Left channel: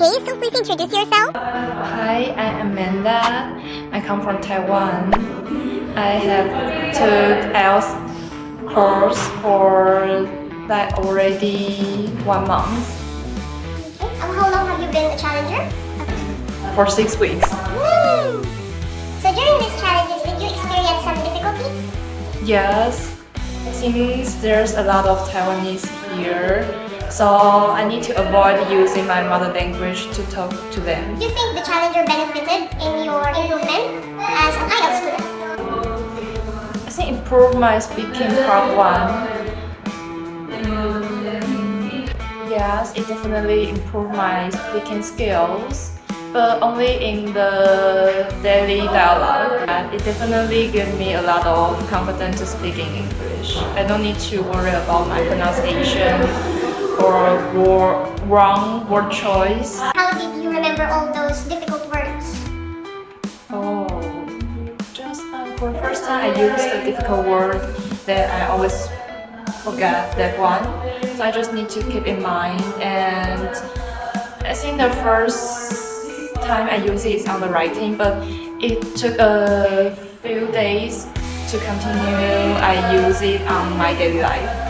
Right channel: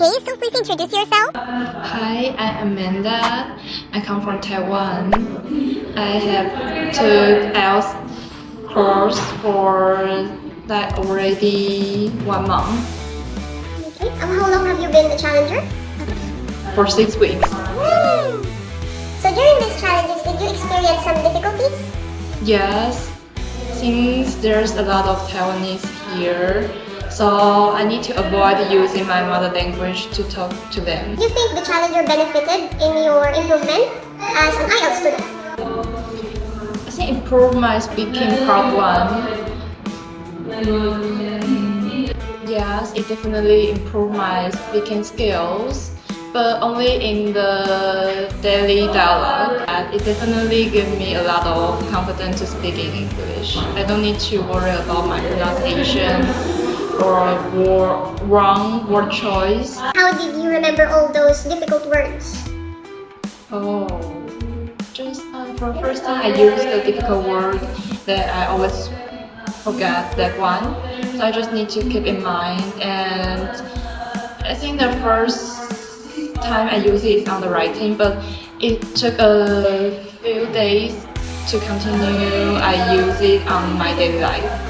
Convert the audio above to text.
Okay, so please introduce yourself. Hi, I'm Amanda. I come from Taiwan. I have took IELTS course for like already 1 month. Okay, how long have you been the challenger? For 6 weeks. Woo! So during these challenges, did you experience some difficulties? Yes, since there's a lot of Taiwanese here, so I need to avoid using my mother language to talk to them. Do you think the challenger benefited in your improvement as an IELTS student? I think improve my speaking part 1. Yes, it definitely improved my speaking skills, but only in the daily dialogue. And it definitely gave me a lot of confidence to speak in English. I don't need to worry about my pronunciation or wrong word choice. How did you remember all those difficult words? Oh, just for the first time I used a difficult word that I always forget that one. So I just need to keep in mind, and I think the first time I use it is on the writing, but it took a few days to continue. I use it on my daily life.